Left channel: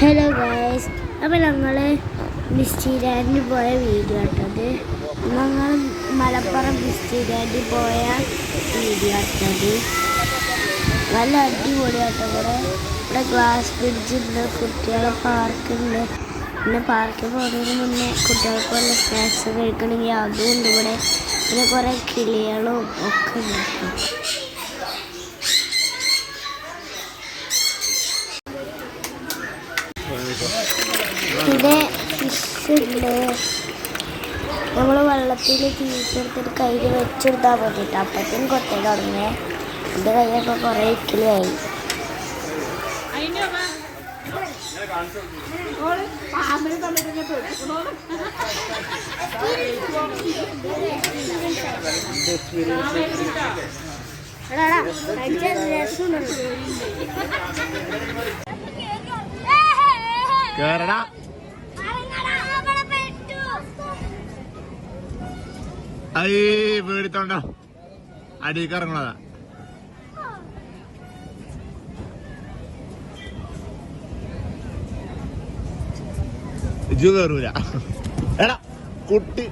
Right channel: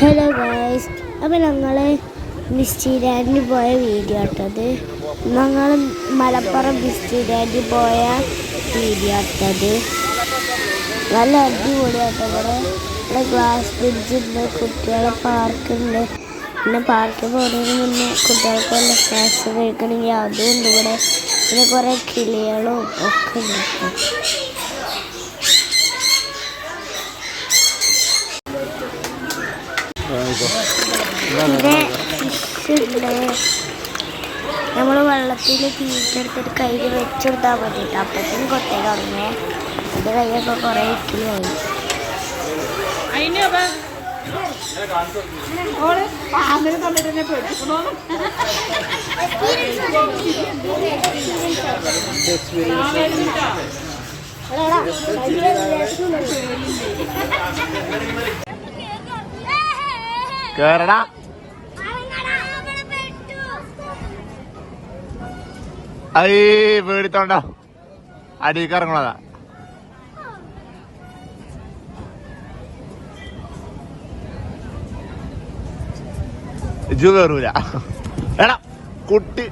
Hello guys, അപ്പോൾ ഞങ്ങൾ മിസ്റ്റീലാൻഡിൽ പോയ വീഡിയോ ഇട്ടത്. ഞങ്ങൾ മലപ്പുറം മിസ്റ്റീലാൻഡിൽ പോയ വീഡിയോ ഇട്ടത്. നല്ല അടിപൊളിയാട്ടോ. ഇവിടെ ഗ്ലാസ് ബ്രിഡ്ജുണ്ട്, കുട്ടികളെ പാർക്കുണ്ട്. പിന്നെ പാർക്കിൽ പോകുന്നതിന് മുന്നേ കുട്ടികൾക്ക് വല്ല സ്നാക്സ് കഴിക്കണമെങ്കിൽ അതും ഉണ്ട് ഇവിടെ. പിന്നെ കുറേ കിളികളും ഒക്കെ ഉണ്ട്. പിന്നെ ഫിഷുണ്ട്. നമ്മൾ വെള്ളത്തിൽ തീറ്റെടുത്തിട്ട് കയ്യിൽ വെച്ചെടുത്താൽ മതിട്ടോ. അപ്പത്തേനും കൊത്തേൽ തുടങ്ങേ. എൻ്റെ കൈയൊക്കെ കുറേ ഇക്കിളിയായി. കേരള പേടിത്തോണ്ടോ അടിയിലേക്ക് ഇറങ്ങണതാ. ഇജു കയറൂല എടാ കുട്ടി